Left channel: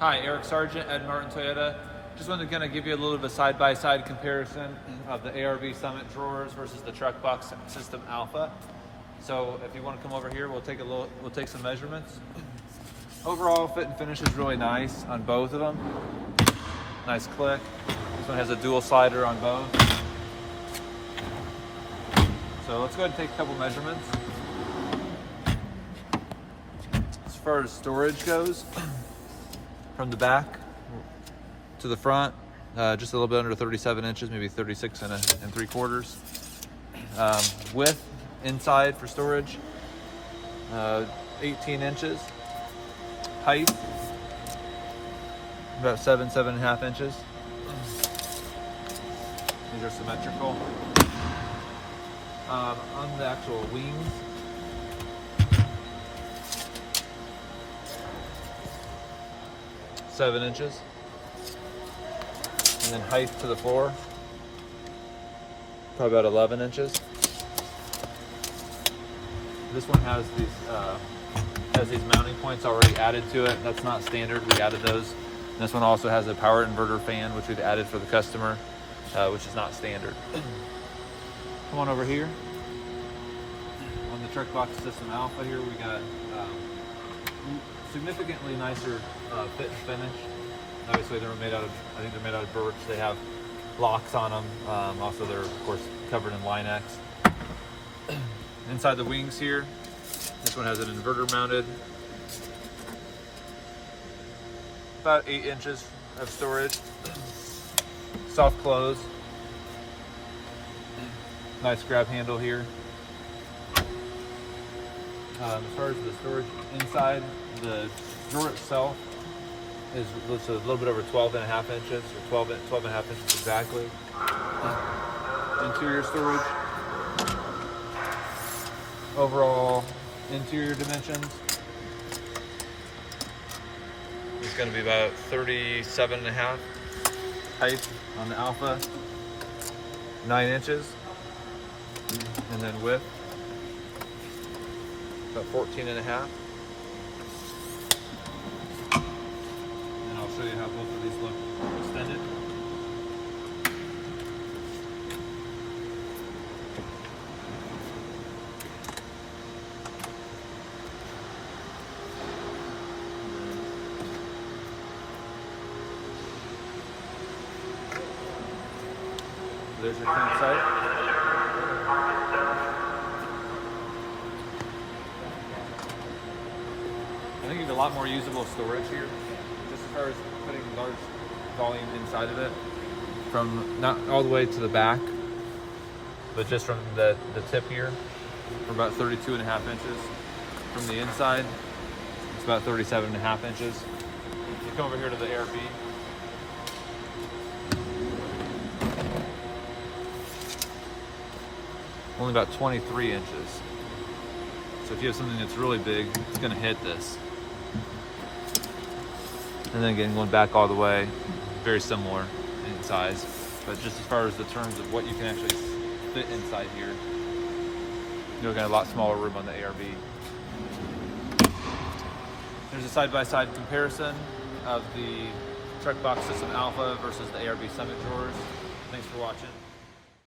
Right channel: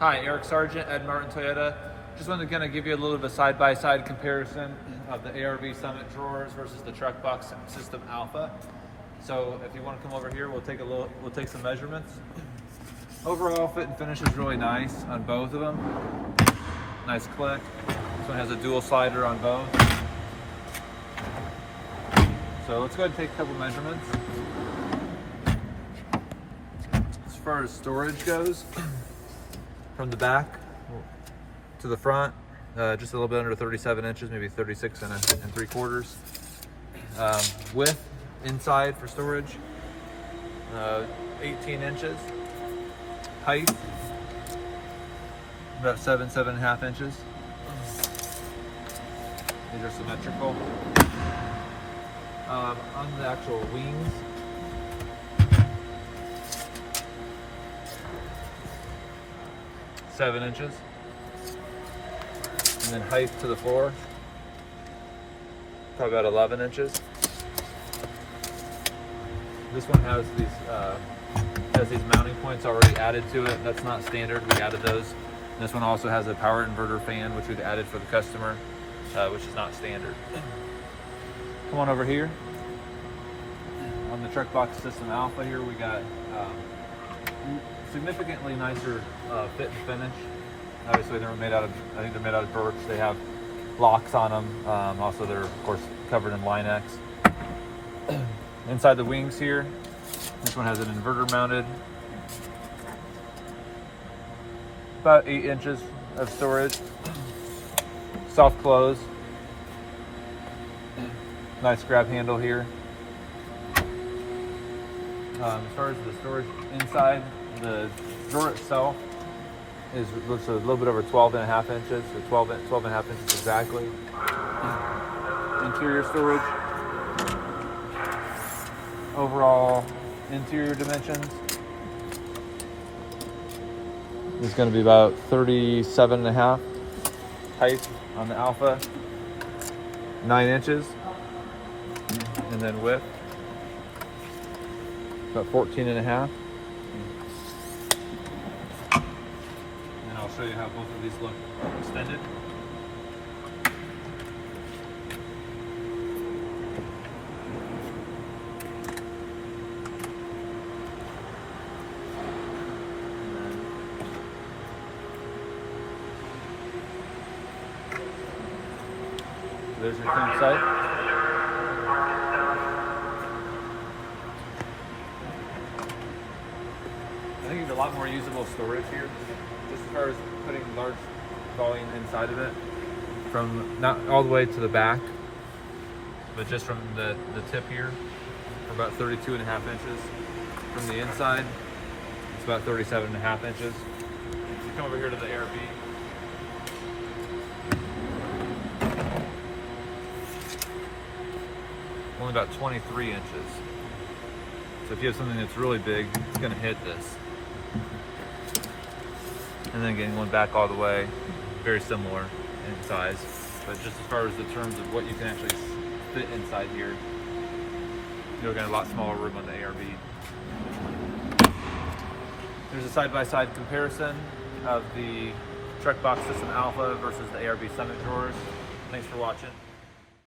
Hi, Eric Sargent, Ed Martin Toyota. Just wanted to kind of give you a little bit of a side-by-side comparison of the ARB Summit drawers versus the Trekboxx System Alpha. So if you want to come over here, we'll take some measurements. Overall fit and finish is really nice on both of them. Nice click. This one has a dual slider on both. So let's go ahead and take a couple measurements. As far as storage goes, from the back to the front, just a little bit under 37 inches, maybe 36 and 3/4. Width inside for storage, 18 inches. Height, about 7.5 inches. These are symmetrical. On the actual wings, (7 inches), and then height to the floor, probably about 11 inches. This one has these mounting points already added to it. That's not standard. We added those. And this one also has a power inverter fan, which we've added for the customer, which is not standard. Come on over here. On the Trekboxx System Alpha here, we got significantly nicer fit and finish. Obviously, they're made out of, I think they're made out of birch. They have locks on them. Also, they're of course covered in Line-X. Inside the wings here, this one has an inverter mounted. About 8 inches of storage. Soft close. Nice grab handle here. As far as the storage inside, the drawer itself is a little bit over 12.5 inches, or 12.5 inches exactly. Interior storage. Overall interior dimensions is going to be about 37.5. Height on the Alpha, 9 inches. And then width, about 14.5. And I'll show you how both of these look extended. There's your king size. I think there's a lot more usable storage here, just as far as putting large volume inside of it, from not all the way to the back, but just from the tip here, we're about 32.5 inches. From the inside, it's about 37.5 inches. So come over here to the ARB. Only about 23 inches. So if you have something that's really big, it's going to hit this. And then again, going back all the way, very similar in size. But just as far as the terms of what you can actually fit inside here, you're going to have a lot smaller room on the ARB. There's a side-by-side comparison of the Trekboxx System Alpha versus the ARB Summit drawers. Thanks for watching.